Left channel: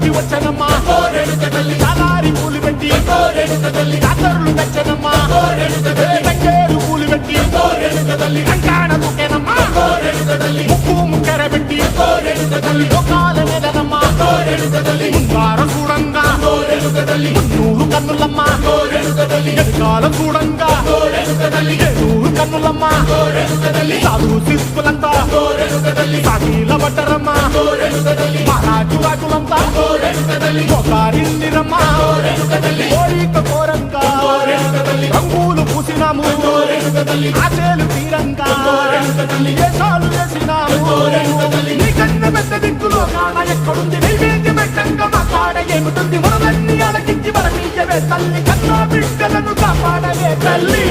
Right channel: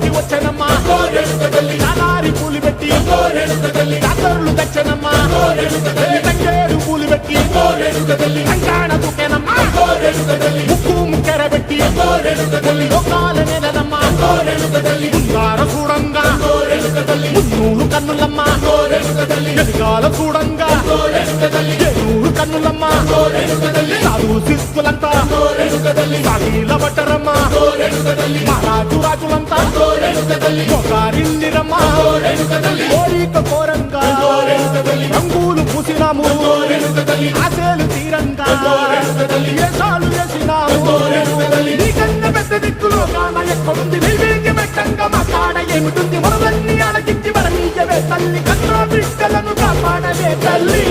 ఊళ్ళోకి వచ్చనమ్మా చాలారి పూలు పెట్టి జాతరులు తెచ్చనమ్మా తంగేడు పూలు పెట్టి కంకాణ దూకేనమ్మా ముక్కు ముక్కెర పెట్టి ముల్లోకాల నెలనమ్మా ముందార చూడంగా మున్నూరు కన్నులమ్మా ఎనకాల చూడంగా ఏనూరు కన్నులమ్మా సాధు శిస్తులంతా సాగిల పడ్డరమ్మా మహారాజు రాజులంతా మొగారిల్లిరమ్మా కోరిక కోరంగా రంగులు పూసినాము ఆశలు తీరంగా వేషాలు వేసినాము నీకన్నా పెద్ద దిక్కులో కాన ఎక్కడుంది నైవేద్యం ఎట్టంగా మా కాడ ఏమిటుంది మనలన్నీ అడగిచ్చి మనమీయవే తల్లి కన్నా బిడ్డలను కాపాడవే తల్లి